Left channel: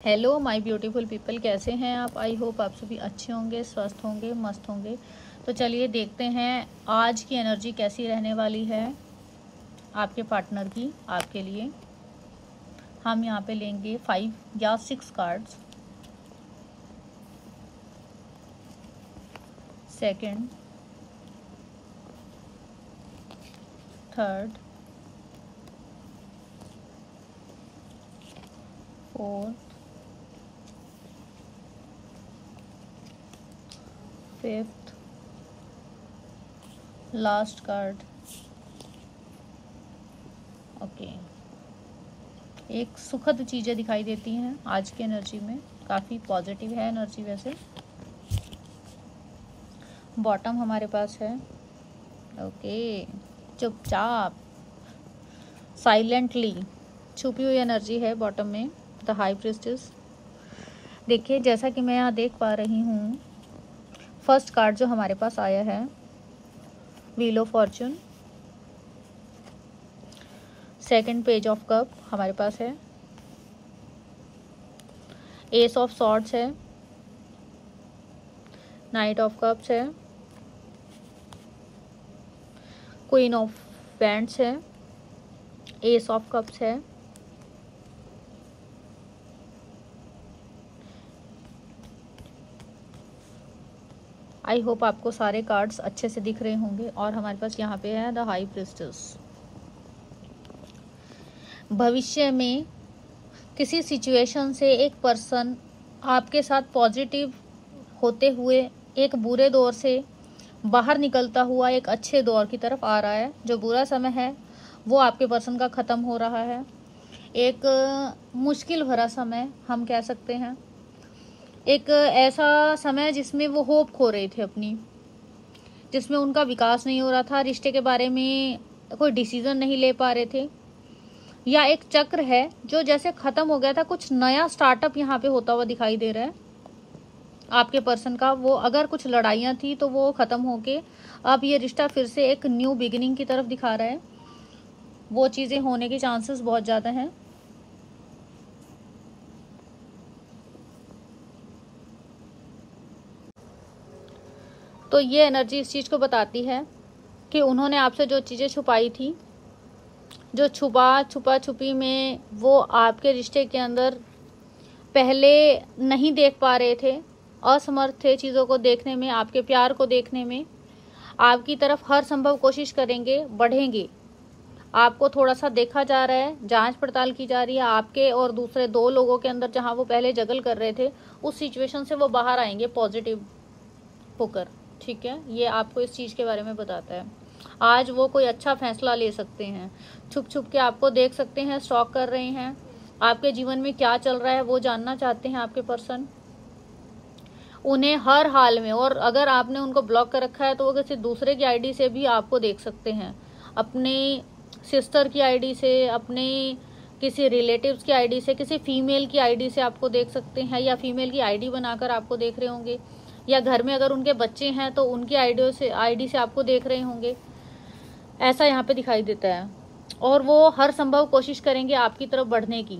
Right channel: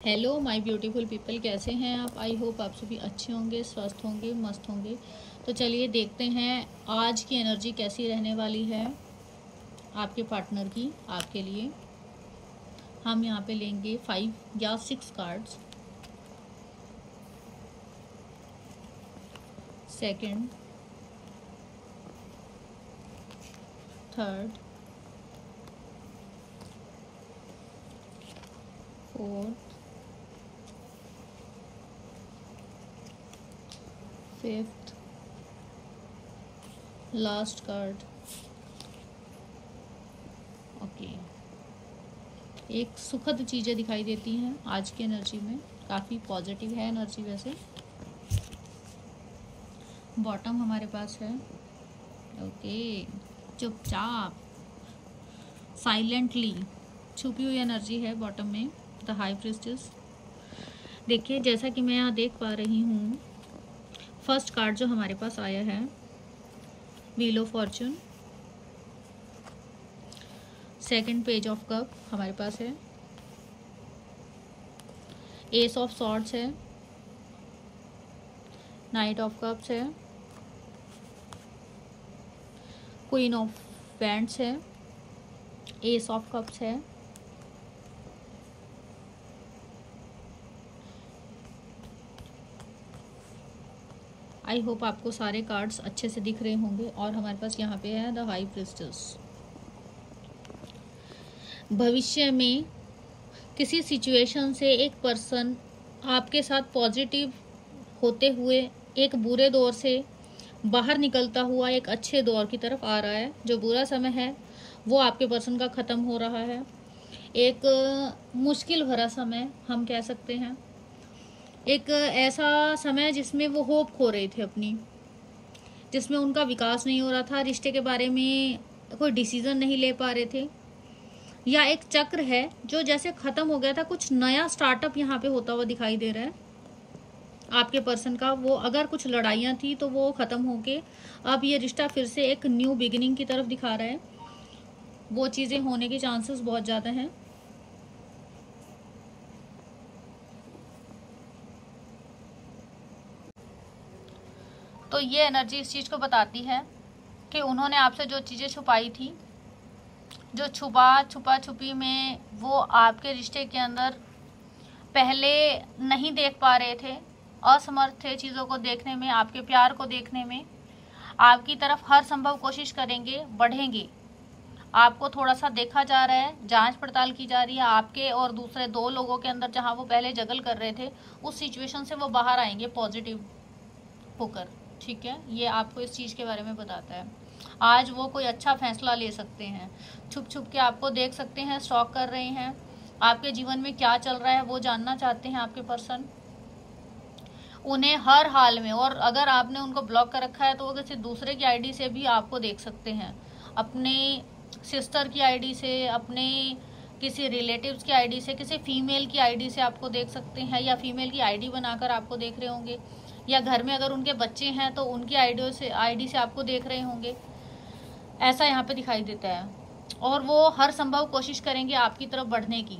Hello my beautiful people, कैसे हैं आप। आई होप आप सभी अच्छे होंगे, स्वस्थ होंगे, मस्त होंगे। तो चलिए देखते हैं आज की एनर्जी कैसी रहने वाली है आपके पार्टनर की, आपके लिए। हम यहाँ पे लेंगे 5 या 6 cards. Second, third, fourth, fifth, last card. Okay, एक सुखद चीज़ें दिखाई देती हैं आज की एनर्जी में, काफ़ी पॉजिटिव है एनर्जी वैसे। बॉटम हमारे पास है। ओके, चुपचाप साइलेंटली छुपी हुई एनर्जी है बॉटम में, द हाई प्रीस्टेस। देखिए, जैसा कि मैं यहाँ देख पा रही हूँ, फर्स्ट कार्ड जो हमारे पास आया है wheel of Fortune. Second page of cup हमारे पास है। एस ऑफ सॉर्ड्स है। नाइट ऑफ कप्स है। क्वीन ऑफ वैंड्स है। एस ऑफ कप्स है। आई होप आपको सारे कार्ड्स अच्छे से दिख रहे होंगे। और हमारे पास यहाँ पे है द हाई प्रीस्टेस। भविष्य में किसी सिचुएशन से एक पर्सन आपके साथ पॉजिटिव होते हुए एक बुरे दौर से बाहर निकलता हुआ एक अच्छे दौर की तरफ आ रहा है। जो बुरा समय है वो आपके पर्सन का ख़त्म हो रहा है। एक मुश्किल भरा समय हम कह सकते हैं, एक ऐसा समय जिसमें वो होप खो रहे थे अपनी, जिसमें उनका विकास नहीं हो रहा था, रिश्ते के बारे में कोई डिसीजन नहीं ले पा रहे थे, या एक चक्र है जो जैसे खत्म हो गया था, कुछ नया स्टार्टअप यहाँ पे होता हुआ दिखाई दे रहा है आपके पर्सन का। वो अगर कुछ लड़ाइयाँ थी तो वो खत्म होके अब ये रिश्ता फिर से एक न्यू बिगिनिंग की तरफ दिखा रहा है। वो चीज़ें होने के चांसेस बहुत ज़्यादा हैं। तो ये एनर्जी इस चीज़ को बताती है कि उन्होंने आपसे जो चीज़ें छुपाई थी, जो छुपा छुपी में वो आपके रिश्ते के अंदर पहले नहीं देख पा रहे थे, असमर्थ थे चीज़ों को देखने में, आपके प्यार को देखने में, आपकी तरफ हर संभव कोशिश करेंगे, बढ़ेंगे। आपको थोड़ा सा देखा जा रहा है, जांच पड़ताल की जा रही है आपके और दूसरे 2 लोगों के अंदर, जहां वो पहले जगल कर रहे थे उस सिचुएशन से वो बाहर आएंगे पॉजिटिव होकर। ठीक है, ये आपको इस चीज़ के बारे में बताता है। आज वो कोई अच्छा फैसला ले सकते हैं। छुप छुप के आपको देख सकते हैं, स्टॉक कर रहे हैं, आपके जीवन में क्या चल रहा है वो जानना चाहते हैं आपके पर्सन। उन्हें हर हाल में, और अगर आपने उनको ब्लॉक कर रखा है तो वो किसी दूसरे की आईडी से भी आपको देख सकते हैं, अपने सिस्टर की आईडी से, अपने किसी रिलेटिव्स की आईडी से, किसी फीमेल की आईडी से आपको देख सकते हैं, या फीमेल की आईडी बनाकर आपको देख रहे होंगे, या घर में अगर उनके बच्चे हैं तो उनकी आईडी से आपको देख रहे होंगे। ऐसा यहाँ पे दिखाई देता है। और वो हर संभव कोशिश करेंगे आपकी तरफ बढ़ने की,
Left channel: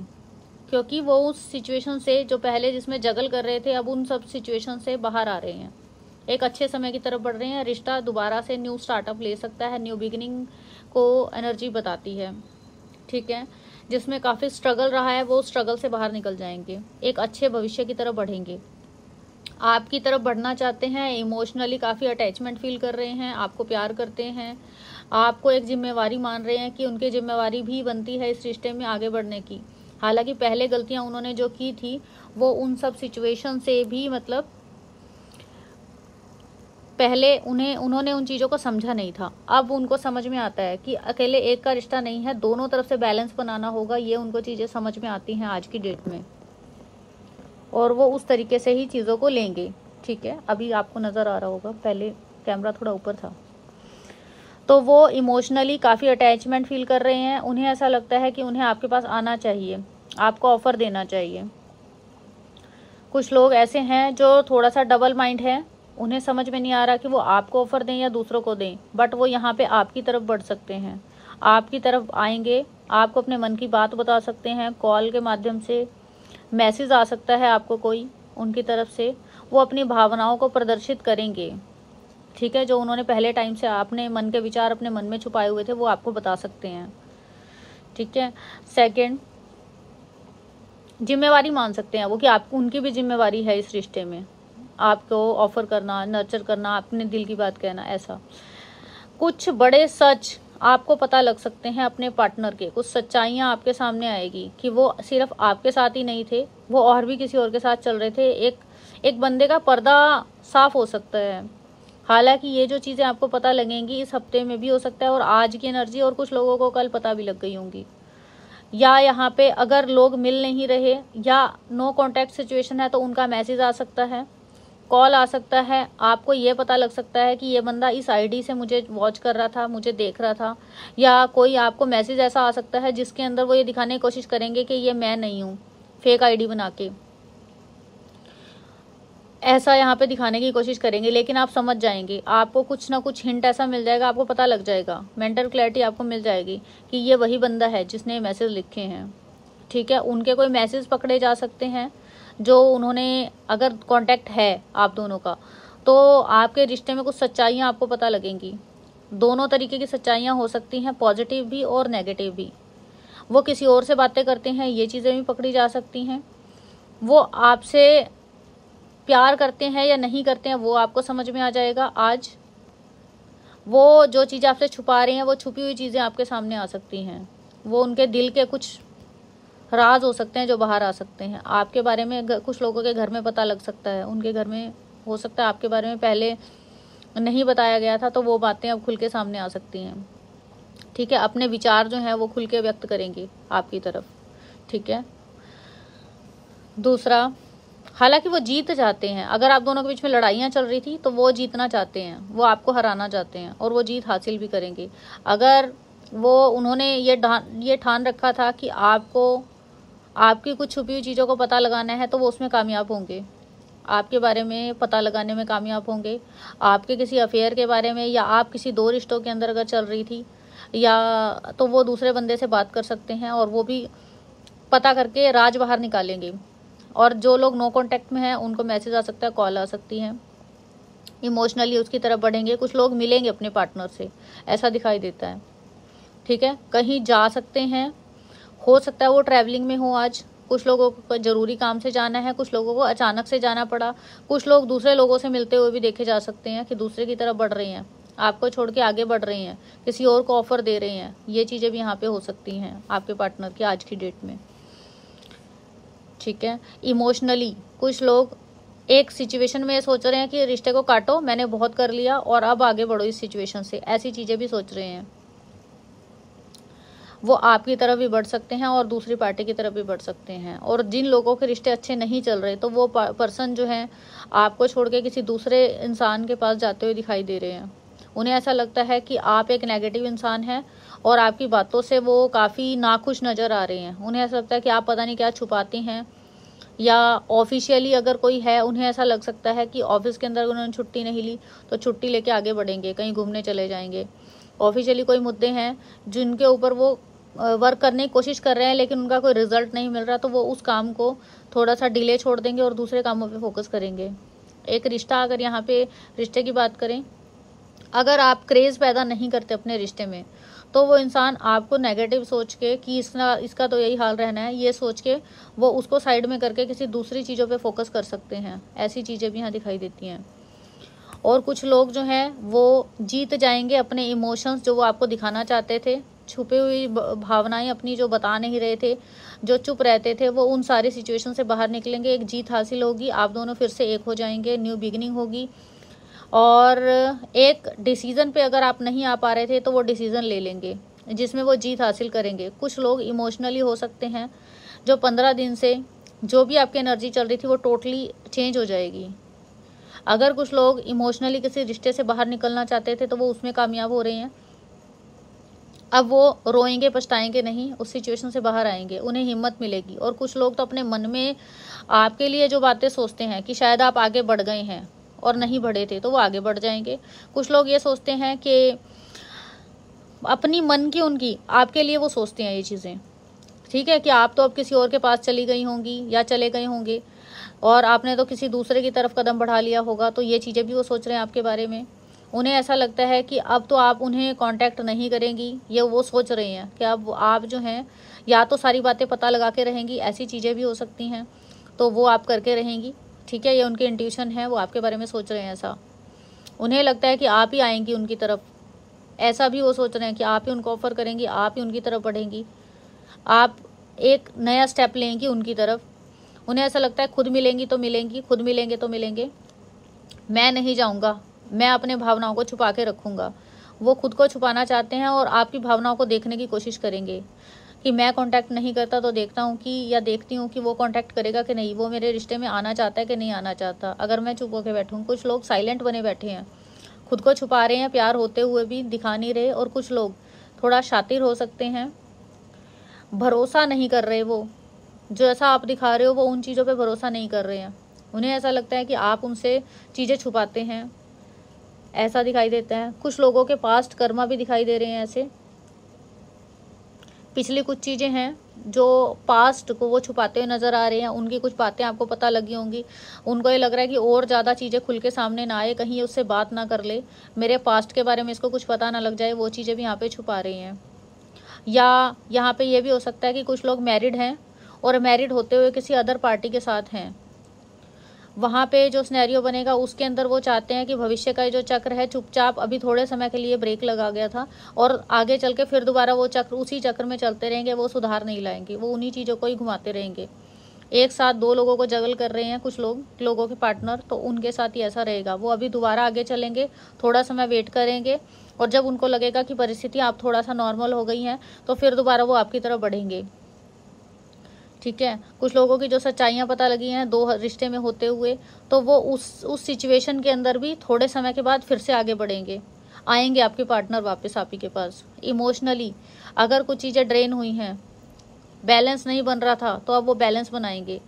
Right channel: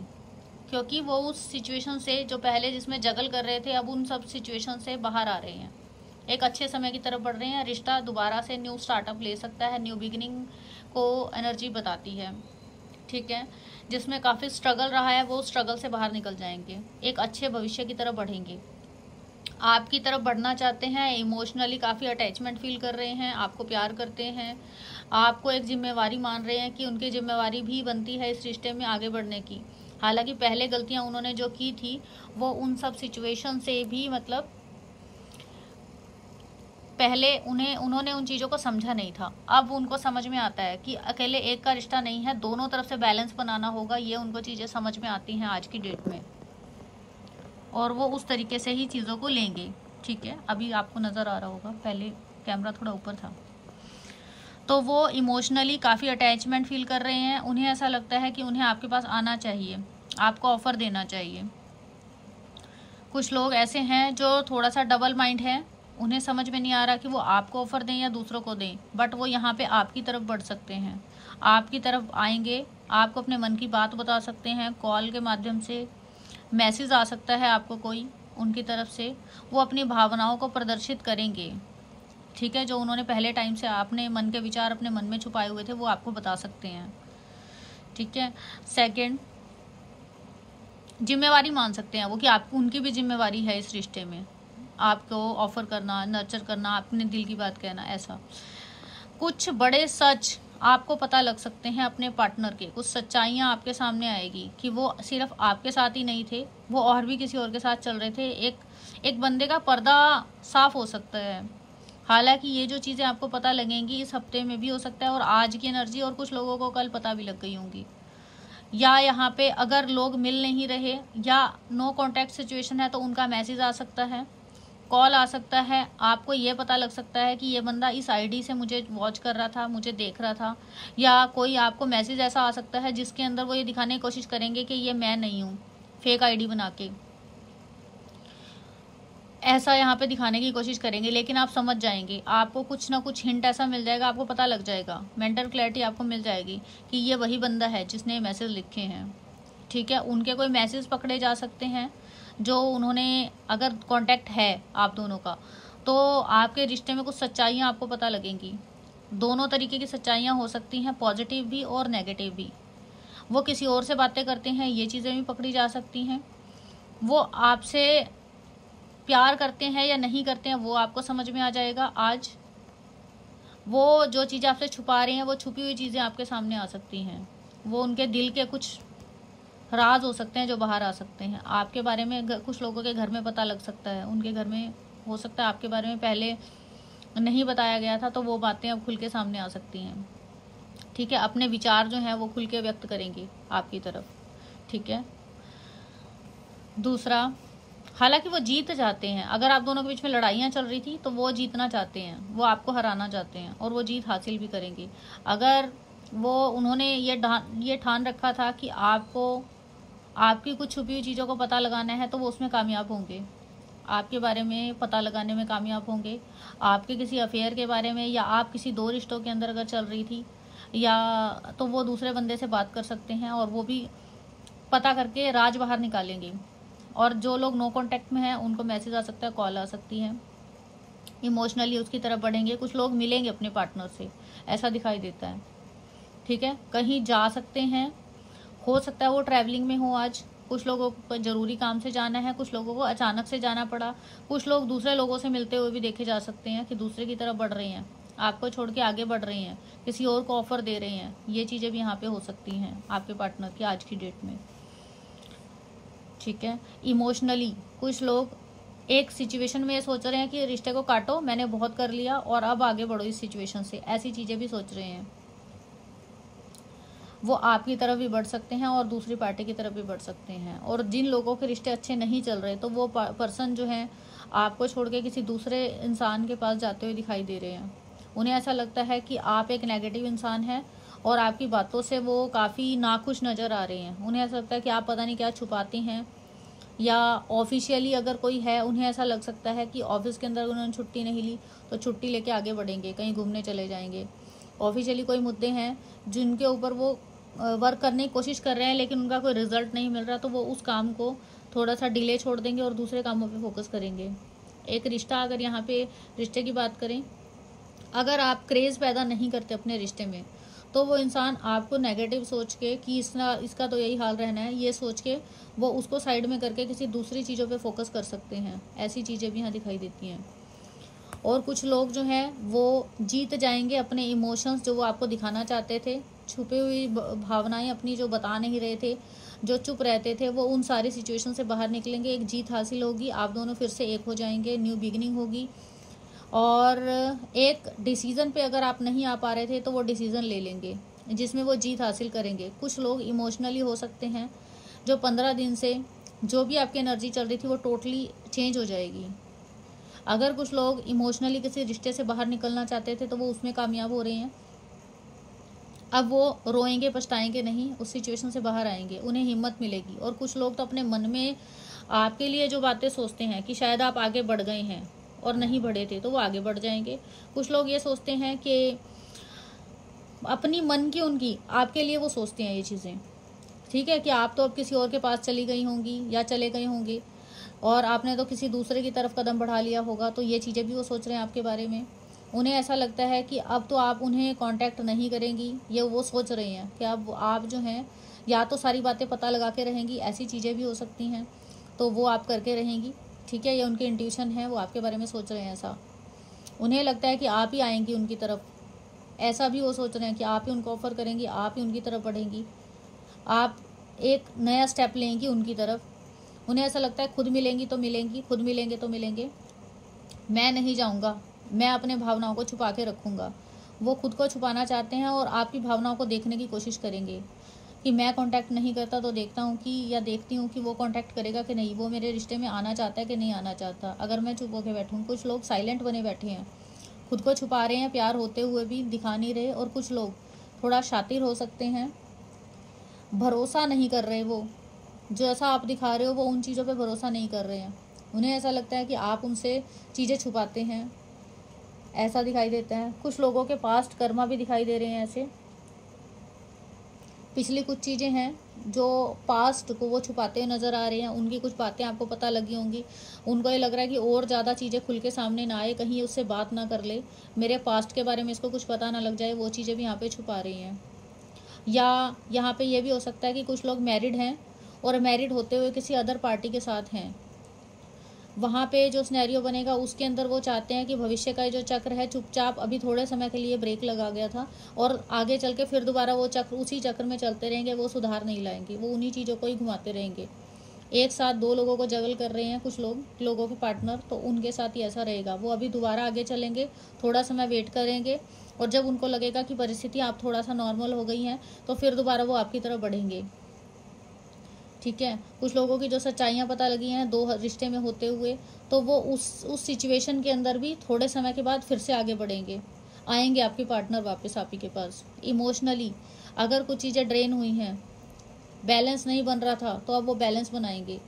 क्योंकि वो उस सिचुएशन से जो पहले जिसमें जगल कर रहे थे, अब उन सब सिचुएशन से बाहर आ रहे हैं, एक अच्छे समय की तरफ बढ़ रहे हैं। रिश्ता दोबारा से न्यू स्टार्टअप ले सकता है, न्यू बिगिनिंग को एनर्जी बताती है। ठीक है, जिसमें काफ़ी स्ट्रगल रहा है वो स्ट्रगल से बाहर निकल जाएंगे, एक अच्छे भविष्य की तरफ बढ़ेंगे, आपकी तरफ बढ़ना चाहते हैं। इमोशनली काफ़ी अटैचमेंट फील कर रहे हैं, आपको प्यार करते हैं, आपको एक जिम्मेवारी मान रहे हैं कि उनकी जिम्मेवारी भी बनती है इस रिश्ते में आगे बढ़ने की। हालांकि पहले गलतियां उन्होंने जो की थी वो उन सब सिचुएशन से भी, मतलब पहले उन्होंने उन चीज़ों को समझा नहीं था। अब उनको समझ में आता है कि अकेले एक का रिश्ता नहीं है, दोनों तरफ से बैलेंस बनाना होगा। ये उनको चीज़ें समझ में आती हैं आज की डेट में, और वो उस तरीके से ही चीज़ों को लेंगे। ठीक है, अभी आपको नज़र आ रहा होगा, पहले कैमरा थोड़ा ऊपर था। तो वो इमोशनली काफ़ी अटैचमेंट फील कर रहे हैं। उन्हें ऐसा लगता है कि उन्हें आपके पास आना चाहिए, आपको ऑफ़र देना चाहिए। कुछ लोग ऐसे हैं जो थोड़ा सा डबल माइंड है, उन्हें समझ में नहीं आ रहा कि वो आपको ऑफ़र दें या दूसरों को दें, बट वो यहाँ पे आपकी तरफ बढ़ सकते हैं, आपकी तरफ आएंगे, आपको अपने मन की बात बता सकते हैं कॉल के माध्यम से, मैसेज आ सकता है आपको कोई उनकी तरफ से, वो अपनी भावनाओं को प्रदर्शित करेंगे, ठीक है। जो उन्होंने पहले टाइम से अपने मन के विचार अपने मन में छुपाए हुए थे वो आपको बता सकते हैं, ठीक है। सेकंड, जिम्मेवारी मान सकते हैं वो कि आपको उनकी भी जिम्मेवारी है इस रिश्ते में, आपको ऑफर करना, नर्चर करना, अपने दिल की बात कहना। ऐसा कुछ बड़े सच आपको पता लग सकते हैं अपने पार्टनर के, कुछ सच्चाइयाँ आपके सामने आएगी कि वो सिर्फ आपके साथ ही नहीं थे, वो और भी किसी और के साथ चल रहे थे। एक बंदे का पर्दा साफ हो सकता है। हालांकि ये जो चीज़ें आपको पता लगेंगी इस हफ्ते में भी हो सकता है, और आज की एनर्जी, और कुछ लोगों को कल पता भी लग गई होंगी। या यहाँ पे अगर लोग मिल नहीं रहे या नो कॉन्टैक्ट सिचुएशन है तो उनका मैसेज आ सकता है, कॉल आ सकता है, आपको ये पता लग सकता है कि ये बंदा इस आईडी से मुझे वॉच कर रहा था, मुझे देख रहा था। या कोई आपको मैसेज ऐसा आ सकता है जिसके अंदर वो ये दिखाने की कोशिश करेंगे कि ये मैं नहीं हूँ, फेक आईडी बना के ऐसा यहाँ पे दिखाने की कोशिश करेंगे। लेकिन आप समझ जाएंगे, आपको कुछ ना कुछ हिंट ऐसा मिल जाएगा, आपको पता लग जाएगा, मेंटल क्लैरिटी आपको मिल जाएगी कि ये वही बंदा है जिसने मैसेज लिखे हैं, ठीक है। उनके कोई मैसेज पकड़े जा सकते हैं जो उन्होंने, अगर कांटेक्ट है आप दोनों का, तो आपके रिश्ते में कुछ सच्चाइयाँ आपको पता लगेंगी। दोनों तरीके की सच्चाइयाँ हो सकती हैं, पॉजिटिव भी और नेगेटिव भी। वो किसी और से बातें करते हैं, ये चीज़ें भी पकड़ी जा सकती हैं। वो आपसे प्यार करते हैं या नहीं करते हैं वो आपको समझ में आ जाएगा आज। वो जो चीज़ें आपसे छुपा रहे हैं, वो छुपी हुई चीज़ें आपके सामने आ सकती हैं। वो उनके दिल के कुछ राज हो सकते हैं जो बाहर आ सकते हैं। आपके बारे में कुछ लोगों के घर में पता लग सकता है, उनके घर में हो सकता है आपके बारे में पहले नहीं बताया गया था, तो वो बातें अब खुल के सामने आ सकती हैं, ठीक है। अपने विचार जो हैं वो खुल के व्यक्त करेंगे आपकी तरफ, ठीक है। दूसरा, हालांकि वो जीत जाते हैं। अगर आप दोनों के बीच में लड़ाइयाँ चल रही थी तो वो जीतना चाहते हैं, वो आपको हराना चाहते हैं और वो जीत हासिल भी करेंगे। अगर वो उन्होंने ये ठान रखा था कि आपको आपकी कुछ छुपी हुई चीज़ों को पता लगाना है तो वो उसमें कामयाब होंगे, आपके बारे में पता लगाने में कामयाब होंगे। आपके किसी अफेयर के बारे में, या आप किसी 2 रिश्तों के अंदर अगर चल रही थी, या तो वो दूसरे बंदे से बात कर सकते हैं और वो भी पता करके राज बाहर निकालेंगे। और जो लोग नो कॉन्टैक्ट में हैं उनको मैसेज आ सकता है, कॉल आ सकती है, इमोशनली उसकी तरफ बढ़ेंगे। कुछ लोग मिलेंगे अपने पार्टनर से, ऐसा दिखाई देता है, ठीक है। कहीं जा सकते हैं, हो सकता है वो ट्रैवलिंग में हो आज। कुछ लोगों को ज़रूरी काम से जाना है, कुछ लोगों को अचानक से जाना पड़ा। कुछ लोग दूसरे लोगों से मिलते हुए भी देखे जा सकते हैं कि दूसरे की तरफ बढ़ रहे हैं, आपको छोड़ के आगे बढ़ रहे हैं, किसी और को ऑफर दे रहे हैं। ये चीज़ें भी यहाँ पे हो सकती हैं आपके पार्टनर की आज की डेट में, ठीक है। इमोशनली कुछ लोग एक सिचुएशन में सोच रहे हैं कि रिश्ते को काटो, मैंने बहुत कर लिया और अब आगे बढ़ो इस सिचुएशन से, ऐसी चीज़ें भी सोच रहे हैं। वो आपकी तरफ भी बढ़ सकते हैं और दूसरी पार्टी की तरफ भी बढ़ सकते हैं। और जिन लोगों के रिश्ते अच्छे नहीं चल रहे तो वो पर्सन जो है आपको छोड़ के किसी दूसरे इंसान के पास जाते हुए दिखाई दे रहे हैं। उन्हें ऐसा लगता है कि आप एक नेगेटिव इंसान हैं और आपकी बातों से वो काफ़ी नाखुश नज़र आ रहे हैं। उन्हें ऐसा लगता है कि आप पता नहीं क्या छुपाते हैं। या ऑफिशियली अगर कोई है, उन्हें ऐसा लग सकता है कि ऑफिस के अंदर उन्होंने छुट्टी नहीं ली तो छुट्टी लेके आगे बढ़ेंगे, कहीं घूमने चले जाएंगे। ऑफिशियली कोई मुद्दे हैं जिनके ऊपर वो वर्क करने की कोशिश कर रहे हैं लेकिन उनका कोई रिजल्ट नहीं मिल रहा, तो वो उस काम को थोड़ा सा डिले छोड़ देंगे और दूसरे कामों पे फोकस करेंगे। एक रिश्ता, अगर यहाँ पे रिश्ते की बात करें, अगर आप क्रेज़ पैदा नहीं करते अपने रिश्ते में तो वो इंसान आपको नेगेटिव सोच के कि इसका तो यही हाल रहना है, ये सोच के वो उसको साइड में करके किसी दूसरी चीज़ों पे फोकस कर सकते हैं। ऐसी चीज़ें भी यहाँ दिखाई देती हैं। और कुछ लोग जो हैं वो जीत जाएंगे अपने इमोशंस जो वो आपको दिखाना चाहते थे, छुपे हुई भावनाएं अपनी जो बता नहीं रहे थे, जो चुप रहते थे, वो उन सारी सिचुएशन से बाहर निकलेंगे। एक जीत हासिल होगी, आप दोनों फिर से एक हो जाएंगे, न्यू बिगिनिंग होगी। और एक डिसीज़न पे अगर आप नहीं आ पा रहे थे तो वो डिसीज़न ले लेंगे जिसमें वो जीत हासिल करेंगे। कुछ लोग इमोशनली हो सकते हैं जो 15 दिन से जो भी आपकी एनर्जी चल रही थी वो टोटली चेंज हो जाएगी। अगर कुछ लोग इमोशनली किसी रिश्ते से बाहर निकलना चाहते थे तो वो उसमें कामयाब हो रहे हैं। अब वो रोएंगे, पछताएंगे नहीं, उस सिचुएशन से बाहर आएंगे, उन्हें हिम्मत मिलेगी। और कुछ लोग तो अपने मन में आपके लिए जो बातें सोचते हैं कि शायद आप आगे बढ़ गए हैं और नहीं बढ़े थे, तो वो आगे बढ़ जाएंगे। कुछ लोग ये सोचते हैं कि अपनी मन की उनकी आपके लिए वो सोचते हैं ये चीज़ें, ठीक है, कि आप तो अब किसी और के पास चली गई होंगी या चले गए होंगे और आपने तो किसी दूसरे की तरफ कदम बढ़ा लिया होगा। तो ये चीज़ें भी वो सोच रहे हैं आपके बारे में। उन्हें ऐसा लगता है कि अब तो आप उन्हें कांटेक्ट नहीं करेंगी, ये वो सोच रहे हैं कि अब आप जो हैं या तो सारी बातें पता लगा के रहेंगी, ऐसी चीज़ें भी हो सकती हैं, तो वो आप करके रहेंगी। ठीक है, ये उनकी इंट्यूशन है, वो आपके बारे में सोच रहे हैं ऐसा। उन्हें लगता है कि आप ही आएंगी उनकी तरफ, ऐसा भी वो सोच रहे हैं कि आप ही उनको ऑफर करेंगी, आप ही उनकी तरफ बढ़ेंगी, आप एक नया स्टेप लेंगी उनकी तरफ। उन्हें ऐसा लगता है खुद मिलेंगी तो मिलेंगी, खुद मिलेंगे तो मिलेंगे, मैं नहीं जाऊंगा, मैं अपने भावनाओं को छुपा के रखूंगा। वो खुद को छुपाना चाहते हैं और आपकी भावनाओं को देखने की कोशिश करेंगे कि मैं कांटेक्ट नहीं करता तो देखता हूँ कि या देखती हूँ कि वो कांटेक्ट करेगा कि नहीं, वो मेरे रिश्ते में आना चाहता है कि नहीं आना चाहता, अगर मैं चुप होकर बैठूँ। कुछ लोग साइलेंट बने बैठे हैं, खुद को छुपा रहे हैं, प्यार होते हुए भी दिखा नहीं रहे। और कुछ लोग थोड़ा शातिर हो सकते हैं, भरोसा नहीं कर रहे, वो जो ऐसा आप दिखा रहे हो वो उन चीज़ों पे भरोसा नहीं कर रहे हैं। उन्हें ऐसा लगता है कि आप उनसे चीज़ें छुपाते हैं, ऐसा दिखाई देता है। कुछ लोगों के पास्ट कर्मा भी दिखाई दे रहे हैं, ऐसे पिछली कुछ चीज़ें हैं जो पास्ट को वो छुपाते हुए नज़र आ रहे हैं। उनकी कुछ बातें आपको पता लगी होंगी, उनको ये लग रहा है कि और ज़्यादा चीज़ें खुल के सामने ना आए, कहीं उससे बात ना कर ले, मेरे पास्ट के बारे में इसको कुछ पता ना लग जाए, वो चीज़ें भी यहाँ पे छुपा रही हैं। या यहाँ पे ये भी हो सकता है कि कुछ लोग मैरिड हैं और मैरिड होते हुए किसी अदर पार्टी के साथ हैं। वहाँ पे जो सिनेरियो बनेगा उसके अंदर वो चाहते हैं कि भविष्य का जो चक्र है चुपचाप अभी थोड़े समय के लिए ब्रेक लगा गया था और आगे चल के फिर दोबारा वो चक्र उसी चक्र में चलते रहेंगे, वो सुधार नहीं लाएंगे, वो उन्हीं चीज़ों को ही घुमाते रहेंगे। एक साथ दो लोगों को जगल कर रहे हैं कुछ लोगों के पार्टनर, तो उनके साथ ही ऐसा रहेगा। वो अभी दोबारा आगे चलेंगे, थोड़ा समय वेट करेंगे और जब उनको लगेगा कि परिस्थितियाँ आप थोड़ा सा नॉर्मल हो गई हैं तो फिर दोबारा वो आपकी तरफ बढ़ेंगे। ठीक है, कुछ लोगों की जो सच्चाइयाँ पता लगी हैं दो रिश्ते में होते हुए, तो वो उस सिचुएशन के अंदर भी थोड़े समय के बाद फिर से आगे बढ़ेंगे, आएंगे आपके पार्टनर वापस आप ही के पास। इमोशनली अगर कुछ चीज़ें ड्रेन हुई हैं, बैलेंस नहीं बन रहा था, तो अब वो बैलेंस बनाएंगे,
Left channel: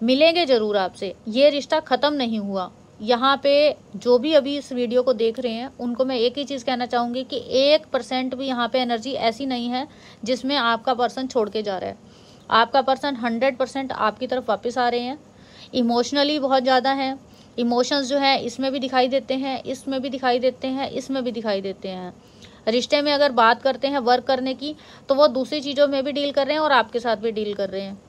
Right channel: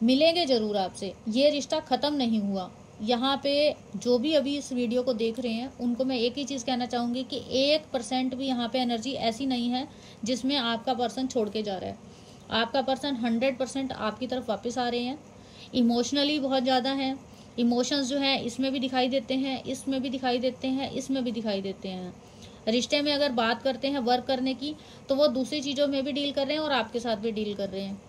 मिलेंगे जरूर आपसे। ये रिश्ता ख़त्म नहीं हुआ। यहाँ पे जो भी अभी इस वीडियो को देख रहे हैं उनको मैं एक ही चीज़ कहना चाहूँगी कि 1% भी यहाँ पे एनर्जी ऐसी नहीं है जिसमें आपका पर्सन छोड़ के जा रहा है। आपका पर्सन 100% आपकी तरफ वापस आ रहे हैं। इमोशनली बहुत ज़्यादा हैं, इमोशंस जो है इसमें भी दिखाई देते हैं, इसमें भी दिखाई देते हैं, इसमें भी दिखाई देते हैं। रिश्ते में अगर बात करते हैं वर्क करने की, तो वो दूसरी चीज़ों में भी डील कर रहे हैं और आपके साथ भी डील कर रहे हैं।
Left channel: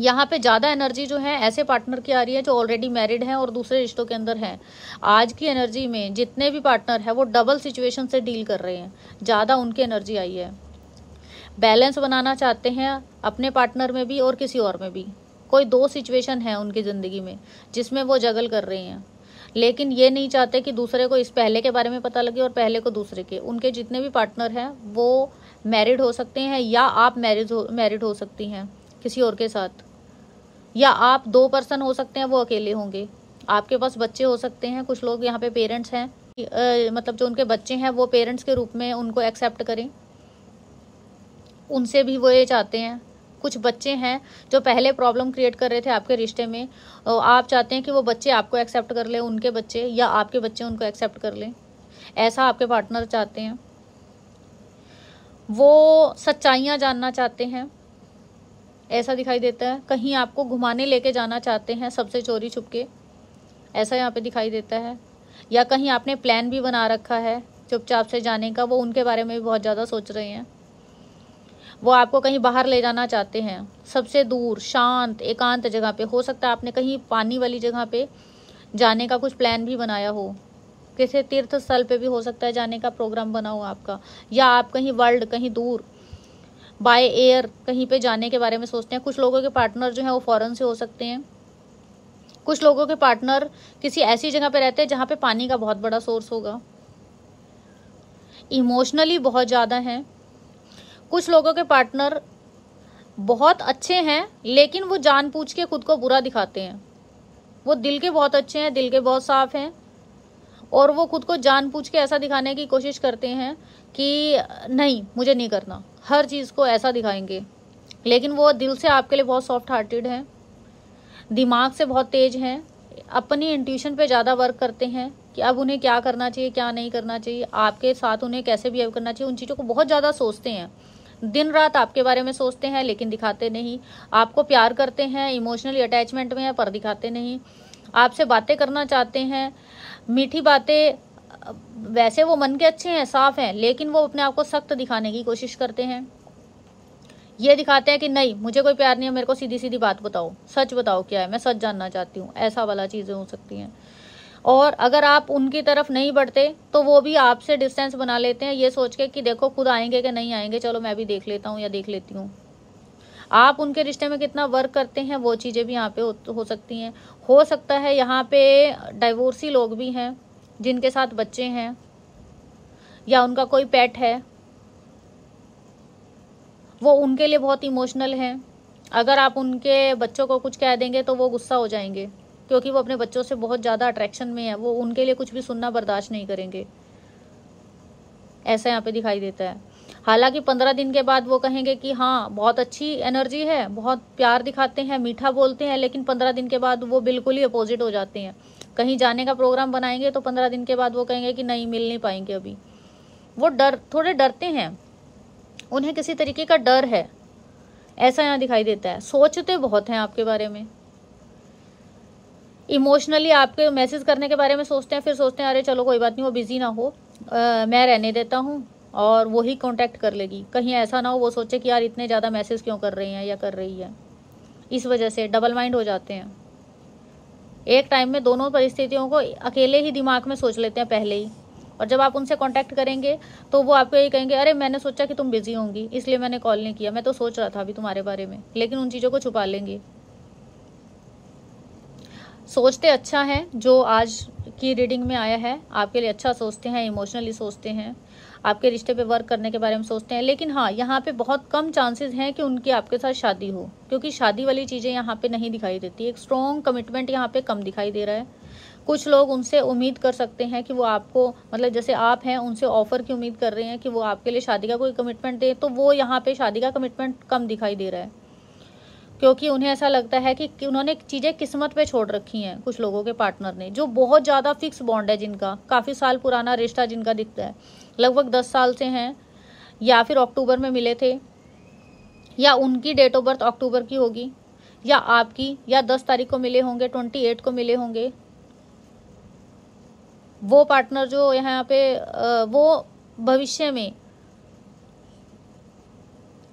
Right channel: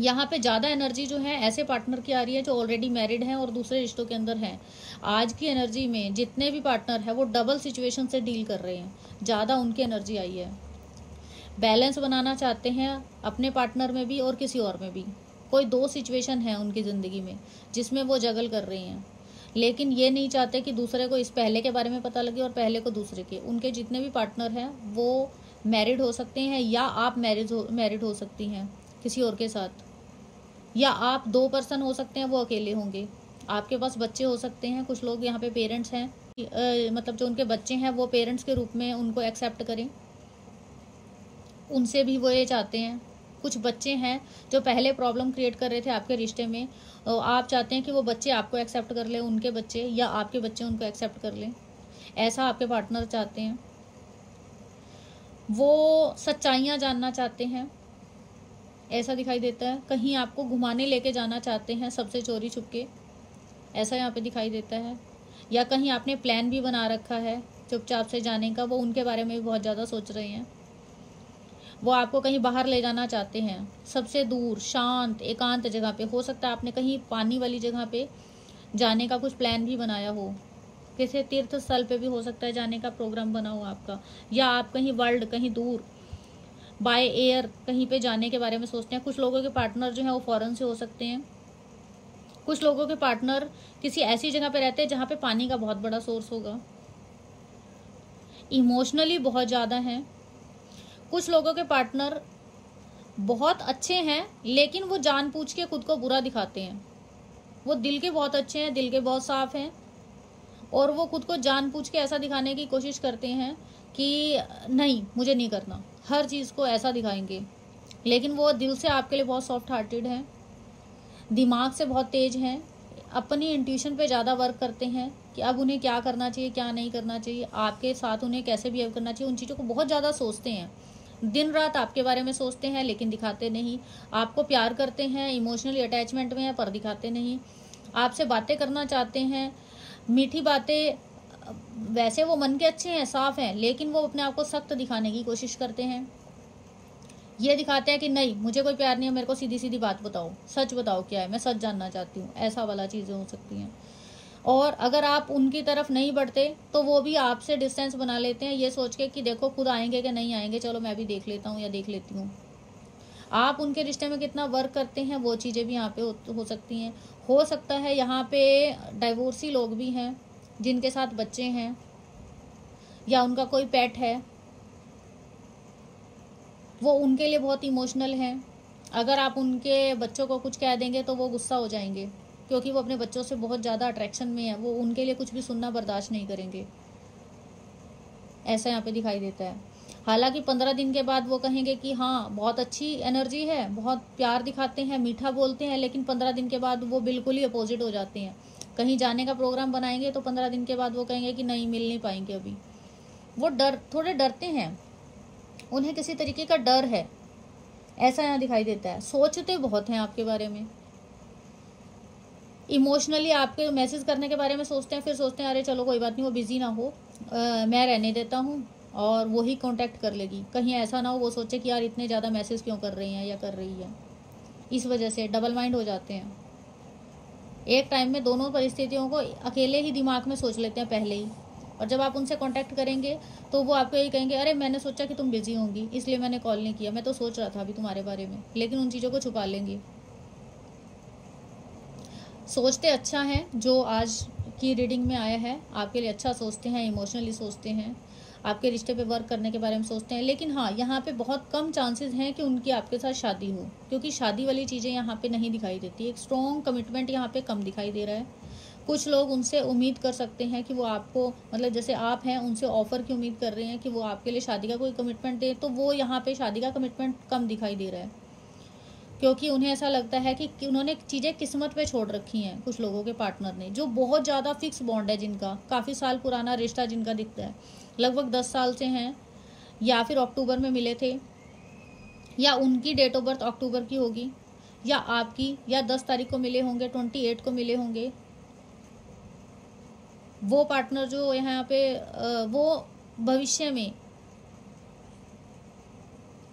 यहाँ पे ज़्यादा एनर्जी जो है ऐसे पार्टनर की आ रही है जो ऑलरेडी मैरिड हैं और दूसरे रिश्तों के अंदर हैं। आज की एनर्जी में जितने भी पार्टनर हैं वो डबल सिचुएशन से डील कर रहे हैं, ज़्यादा उनकी एनर्जी आई है। बैलेंस बनाना चाहते हैं अपने पार्टनर में भी और किसी और में भी। कोई दो सिचुएशन है उनकी ज़िंदगी में जिसमें वो जगल कर रहे हैं, लेकिन ये नहीं चाहते कि दूसरे को इस पहले के बारे में पता लगे और पहले को दूसरे के। उनके जितने भी पार्टनर हैं वो मैरिड हो सकते हैं या आप मैरिड हो सकती हैं किसी और के साथ, या आप 2 पर्सन हो सकते हैं, वो अकेले होंगे। आपके पास बच्चे हो सकते हैं, कुछ लोग यहाँ पे पेरेंट्स हैं, मतलब जो उनके बच्चे हैं वो पेरेंट्स के रूप में उनको एक्सेप्ट करें, उनसे भी वो ये चाहते हैं। कुछ बच्चे हैं जो पहले प्रॉब्लम क्रिएट कर रहे थे आपके रिश्ते में, और आप चाहते हैं कि वो बच्चे आपको एक्सेप्ट कर लें, उनके बच्चे, या आपके बच्चे उनको एक्सेप्ट कर लें। ऐसा आपके पार्टनर चाहते हैं। वो सच्चाइयाँ जानना चाहते हैं, ऐसा दिखाई देता है। कहीं आपको घुमाने लेके जाना चाहते हैं सबसे चोरी छुपके, ऐसा यहाँ पे दिखाई देता है। या कहीं आपने प्लान भी बना रखा है चुपचाप से जाने का, वो उनके बारे में भी बहुत ज़्यादा सोच रहे हैं। वो आपको कहीं बाहर ले जाना चाहते हैं, सबसे दूर शांत एकांत जगह पे। हो सकता है आपने कहीं पानी वाली जगह पे जाने का कुछ प्लान भी बनाया हो, किसी तीर्थ स्थल पे भी हो सकता है जाने का प्रोग्राम बना हो आपका, या आप कहीं वर्ल्ड कहीं दूर बाय एयर कहीं पे जाने के बारे में सोचते हैं। कुछ लोगों के पार्टनर जो है वो फॉरेन से हो सकते हैं। कुछ लोगों के पार्टनर किसी ऐसी जगह पे रहते हैं जहाँ पे पानी का बहुत बड़ा सोर्स होगा। इमोशनली बहुत ज़्यादा हैं। कुछ लोगों के पार्टनर बहुत अच्छे हैं लेकिन वो जानबूझ के खुद को बुरा दिखाते हैं। वो दिल के बहुत अच्छे हैं, दिल के बहुत साफ हैं, और वो खुद को जानबूझ के ऐसा दिखाने की कोशिश करते हैं कि नहीं मुझे नहीं करना, हर चीज़ को ऐसा दिखाएंगे। लेकिन वो दिल से आपके लिए बहुत सॉफ्ट हार्टेड हैं, दिमाग से बहुत तेज हैं, अपनी इंट्यूशन पे ज़्यादा वर्क करते हैं कि अब उन्हें क्या करना चाहिए क्या नहीं करना चाहिए, आपके साथ उन्हें कैसे बिहेव करना चाहिए, उन चीज़ों को बहुत ज़्यादा सोचते हैं। दिन रात आपके बारे में सोचते हैं लेकिन दिखाते नहीं, आपको प्यार करते हैं, इमोशनली अटैचमेंट में है पर दिखाते नहीं, आपसे बातें करना चाहते हैं, मीठी बातें, वैसे वो मन के अच्छे हैं, साफ हैं, लेकिन वो अपने आप को सख्त दिखाने की कोशिश करते हैं। ये दिखाते हैं कि नहीं मुझे कोई प्यार नहीं है, मेरे को सीधी सीधी बात बताओ, सच बताओ क्या है, मैं सच जानना चाहती हूँ, ऐसा वाला चीज़ें हो सकती हैं। और अगर आप उनकी तरफ नहीं बढ़ते तो वो भी आपसे डिस्टेंस बना लेते हैं, ये सोच के कि देखो खुद आएंगे कि नहीं आएंगे, चलो मैं भी देख लेता हूँ या देख लेती हूँ। आप उनके रिश्ते में कितना वर्क करते हैं वो चीज़ें भी यहाँ पे हो सकती हैं। हो सकता है यहाँ पे डाइवोर्सी लोग भी हैं जिनके साथ बच्चे हैं या उनका कोई पेट है, वो उनके लिए बहुत इमोशनल हैं। अगर आप उनके बच्चों को कुछ कह देंगे तो वो गुस्सा हो जाएंगे, क्योंकि वो अपने बच्चों से बहुत ज़्यादा अट्रैक्शन में है, वो उनके लिए कुछ भी सुनना बर्दाश्त नहीं करेंगे, ऐसा यहाँ पे दिखाई देता है। हालांकि 15 दिन के बाद वो कहेंगे कि हाँ बहुत अच्छी एनर्जी है, बहुत प्यार दिखाते हैं, मीठा बोलते हैं, लेकिन 15 दिन के बाद वो बिल्कुल ही अपोजिट हो जाते हैं। कहीं जाने का प्रोग्राम बनाएंगे तो 15 दिन के बाद वो कहेंगे कि नहीं मिल नहीं पाएंगे अभी। वो थोड़े डरते हैं, उन्हें किसी तरीके का डर है, ऐसा यहाँ दिखाई देता है। सोचते बहुत हैं आपके बारे में, इमोशनली आपके मैसेज करने के बारे में सोचते हैं, फिर सोचते हैं अरे चलो कोई बात नहीं, वो बिजी ना हो, मैं रहने देता हूँ और वो ही कांटेक्ट कर लेगी। कहीं ऐसा ना हो वो सोचे कि यार इतने ज़्यादा मैसेज क्यों कर रही हैं या कर रही है। इस वजह से डबल माइंड हो जाते हैं। एक टाइम में दोनों परिस्थितियों को अकेले ही दिमाग में सोच लेते हैं पहले ही, और जब आप उनसे कांटेक्ट करेंगे तो वो आपको ये कहेंगे अरे मैंने सोचा कि तुम बिजी होंगी इसलिए मैंने कॉल नहीं किया, मैं तो सोच रहा था अभी तुम्हारे बारे में, लेकिन उन चीज़ों को छुपा लेंगे। सोचते अच्छा है, जो आज की रीडिंग में आया है आपके लिए अच्छा सोचते हैं, इमोशनली सोचते हैं, आपके रिश्ते पे वर्क करने के बारे में सोचते हैं। लेकिन हाँ यहाँ पे बहुत कम चांसेस हैं कि उनकी आपके साथ शादी हो, क्योंकि शादी वाली चीज़ें यहाँ पे नहीं दिखाई देती। एक स्ट्रॉन्ग कमिटमेंट यहाँ पे कम दिखाई दे रहा है। कुछ लोग उनसे उम्मीद कर सकते हैं कि वो आपको, मतलब जैसे आप हैं उनसे ऑफर की उम्मीद कर रहे हैं कि वो आपके लिए शादी का कोई कमिटमेंट दे, तो वो यहाँ पे शादी का कमिटमेंट कम दिखाई दे रहा है, क्योंकि उन्हें ऐसा लगता है कि उन्होंने चीज़ें किस्मत पे छोड़ रखी हैं। कुछ लोगों के पार्टनर ने, जो बहुत ज़्यादा फिक्स बॉन्ड है, जिनका काफ़ी साल पुराना रिश्ता जिनका दिखता है, लगभग 10 साल से हैं, या फिर अक्टूबर में मिले थे, या उनकी डेट ऑफ बर्थ अक्टूबर की होगी, या आपकी, या 10 तारीख को मिले होंगे, 28 को मिले होंगे। वो पार्टनर जो यहाँ पे वो भविष्य में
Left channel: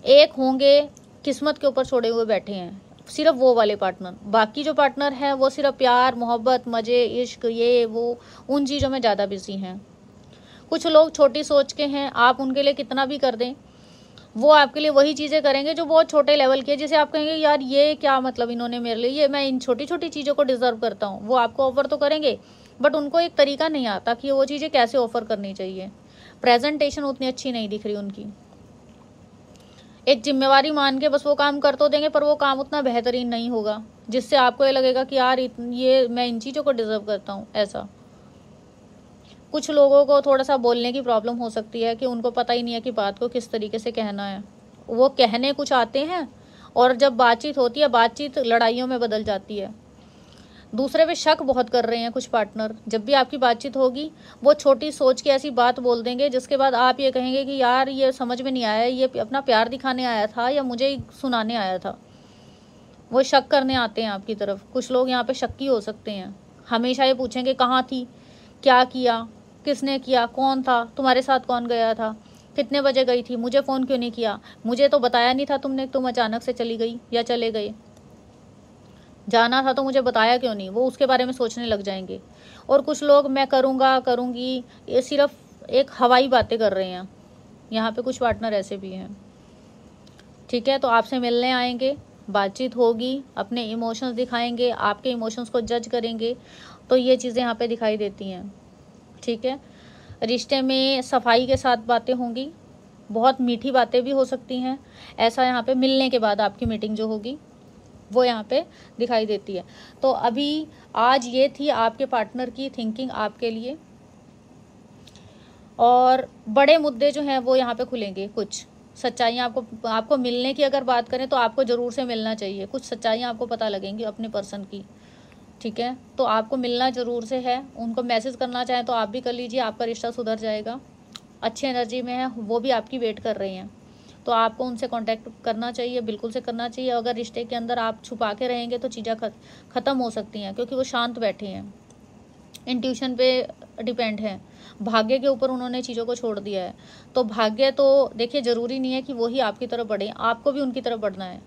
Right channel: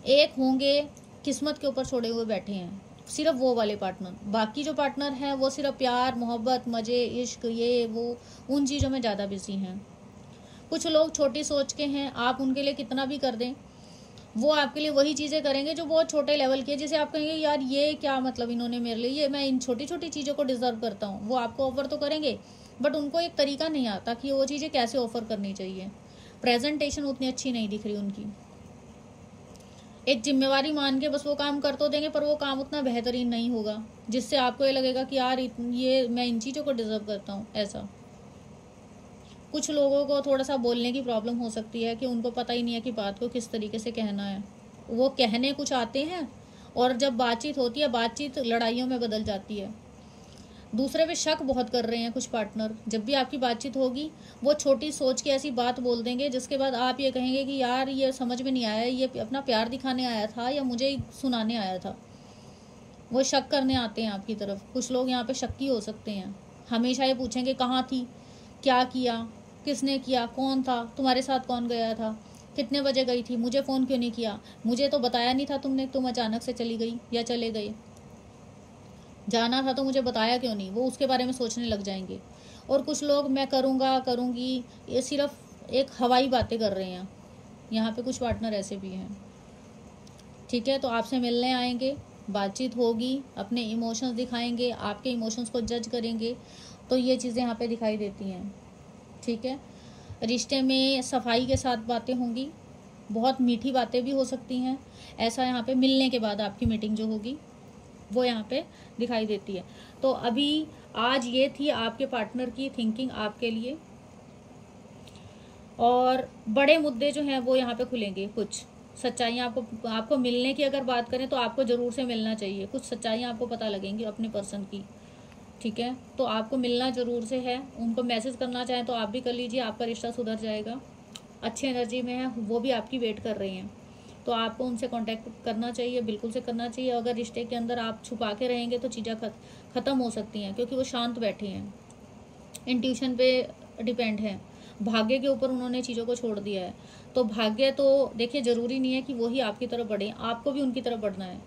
एक होंगे, किस्मत के ऊपर छोड़े हुए बैठे हैं, सिर्फ वो वाले पार्टनर। बाकी जो पार्टनर हैं वो सिर्फ प्यार, मोहब्बत, मजे, इश्क, ये वो उन चीज़ों में ज़्यादा बिजी हैं। कुछ लोग छोटी सोच के हैं, आप उनके लिए कितना भी कर दें वो आपके लिए वही चीज़ें करेंगे जो बहुत छोटे लेवल की है, जिसे आप कहेंगे यार ये क्या मतलब इन्होंने मेरे लिए, ये मैं इन छोटी छोटी चीज़ों को डिजर्व करता हूँ। वो आपको ऑफर तो करेंगे बट उनको एक तरीका नहीं आता कि वो चीज़ें कैसे ऑफर करनी चाहिए। प्रेजेंटेशन उतनी अच्छी नहीं दिख रही उनकी। एक जिम्मेवारी मान के बस वो काम कर तो देंगे, पर वो काम उतना बेहतरीन नहीं होगा जिससे आपको ये लगेगा कि यार ये मैं इन चीज़ों को डिजर्व करता हूँ। ऐसा कुछ लोगों को थोड़ा सा बोलने की प्रॉब्लम हो सकती है कि उनको पता ही नहीं है कि बात को किस तरीके से कहना है। वो कहने कुछ आते हैं और जब बातचीत होती है, बातचीत लड़ाइयों में बदल जाती है। दूसरे पे शक बहुत कर रहे हैं कुछ पार्टनर। जब भी आपकी बातचीत होगी वो छोटी सोच की ऐसी बात बोल देंगे जिसके बाद आप ये कहेंगे कि यार ये समझ में नहीं आया, ये अपना प्यार दिखाने आया था या मुझे सुनाने आया था। वो शक करने आते हैं आपकी तरफ। कुछ लोग यहाँ पे शक्की हो सकते हैं, हमेशा ये पूछेंगे कहाँ थी, क्या किया, किसने किया, कौन था, तुम्हारे साथ कौन गया था, कितने बजे गई थी, मुझे फ़ोन क्यों नहीं किया, मुझे तो बताया नहीं था तुमने, तुम अचानक से चली गई या चले गए, जाना था तो मुझे बताया क्यों नहीं। वो उसके बारे में सोचने लग जाएंगे। और कुछ लोग मैं करूँगा करूँगी, ये सिर्फ एक हवाई बातें कर रहे हैं। यहाँ पे कुछ पार्टनर ऐसे भी हैं। ठीक है, तो आपसे मिलने आएंगे, बातचीत होगी, अपने इमोशंस दिखाएंगे, आपके इमोशंस को जज करेंगे, तो ये चीज़ें यहाँ पे दिखाई देती हैं। ठीक है, रिश्ते में सफाई के साथ बातें होंगी, बहुत मीठी बातें भी हो सकती हैं। ऐसा यहाँ पे मिलने के बाद आपकी मीटिंग जो होगी वो यहाँ पे दिखाई देती है। तो अभी आज ये थी आपके पार्टनर की थिंकिंग आपके लिए, और बड़े मुद्दे जो हैं वो यहाँ पे खुलेंगे। कुछ सच्चाइयाँ आपको मिलने की अगर बात करें तो आपको ज़रूर से मिलना चाहिए। कुछ सच्चाइयाँ आपको पता लगेंगी अपने पर्सन की। ठीक है, तो आपको मिलना ज़रूर से है। उनको मैसेज करना चाहें तो आप भी कर लीजिए, आपका रिश्ता सुधर जाएगा। अच्छी एनर्जी में है, वो भी आपकी वेट कर रही हैं। तो आपको उनसे कांटेक्ट करना चाहिए, बिल्कुल से करना चाहिए। अगर रिश्ते के अंदर आप छुपा के रहेंगे तो चीज़ें ख़त्म हो सकती हैं, क्योंकि वो शांत बैठे हैं, इंट्यूशन पे डिपेंड है, भाग्य के ऊपर उन्होंने चीज़ों को छोड़ दिया है। तो भाग्य तो देखिए ज़रूरी नहीं है कि वो ही आपकी तरफ बढ़े, आपको भी उनकी तरफ बढ़ना है।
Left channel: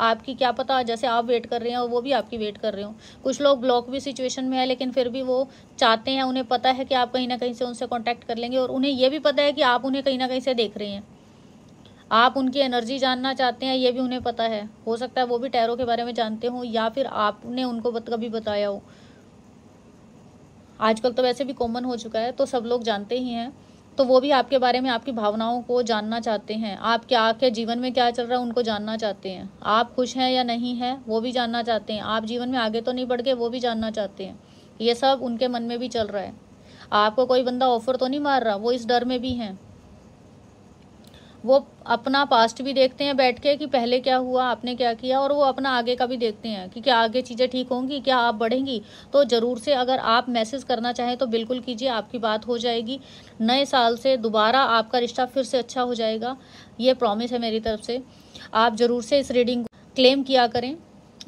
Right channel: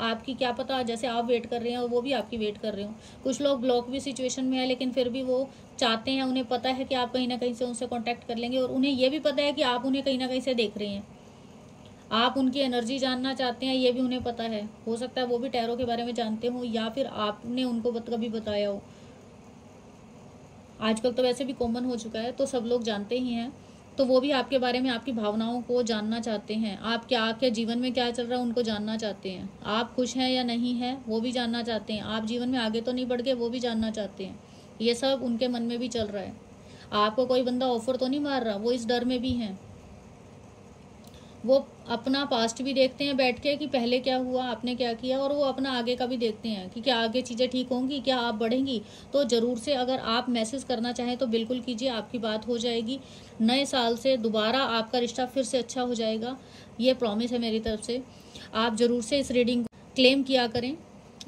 आपकी क्या पता, जैसे आप वेट कर रहे हैं और वो भी आपकी वेट कर रहे हो। कुछ लोग ब्लॉक भी सिचुएशन में है, लेकिन फिर भी वो चाहते हैं, उन्हें पता है कि आप कहीं ना कहीं से उनसे कांटेक्ट कर लेंगे, और उन्हें ये भी पता है कि आप उन्हें कहीं ना कहीं से देख रहे हैं, आप उनकी एनर्जी जानना चाहते हैं, ये भी उन्हें पता है। हो सकता है वो भी टैरो के बारे में जानते हो, या फिर आपने उनको कभी बताया हो। आजकल तो वैसे भी कॉमन हो चुका है, तो सब लोग जानते ही हैं। तो वो भी आपके बारे में, आपकी भावनाओं को जानना चाहते हैं, आप क्या जीवन में क्या चल रहा है उनको जानना चाहते हैं, आप खुश हैं या नहीं हैं वो भी जानना चाहते हैं, आप जीवन में आगे तो नहीं बढ़ गए वो भी जानना चाहते हैं। ये सब उनके मन में भी चल रहा है। आपको कोई बंदा ऑफर तो नहीं मार रहा, वो इस डर में भी हैं। वो अपना पास्ट भी देखते हैं बैठ के कि पहले क्या हुआ, आपने क्या किया, और वो अपना आगे का भी देखते हैं कि क्या आगे चीज़ें ठीक होंगी, क्या आप बढ़ेंगी। तो ज़रूर से अगर आप मैसेज करना चाहें तो बिल्कुल कीजिए, आपकी बात हो जाएगी। नए साल से दोबारा आपका रिश्ता फिर से अच्छा हो जाएगा, ये प्रॉमिस है मेरी तरफ से। आप ज़रूर से इस रीडिंग को क्लेम किया करें,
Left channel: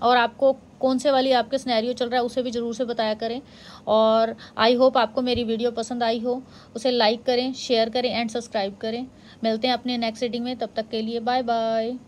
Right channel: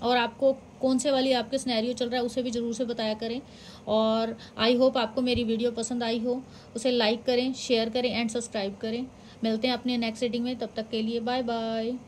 और आपको कौन से वाली आपके सिनेरियो चल रहा है उसे भी ज़रूर से बताया करें। और आई होप आपको मेरी वीडियो पसंद आई हो, उसे लाइक करें, शेयर करें एंड सब्सक्राइब करें। मिलते हैं अपने नेक्स्ट रीडिंग में, तब तक के लिए बाय बाय।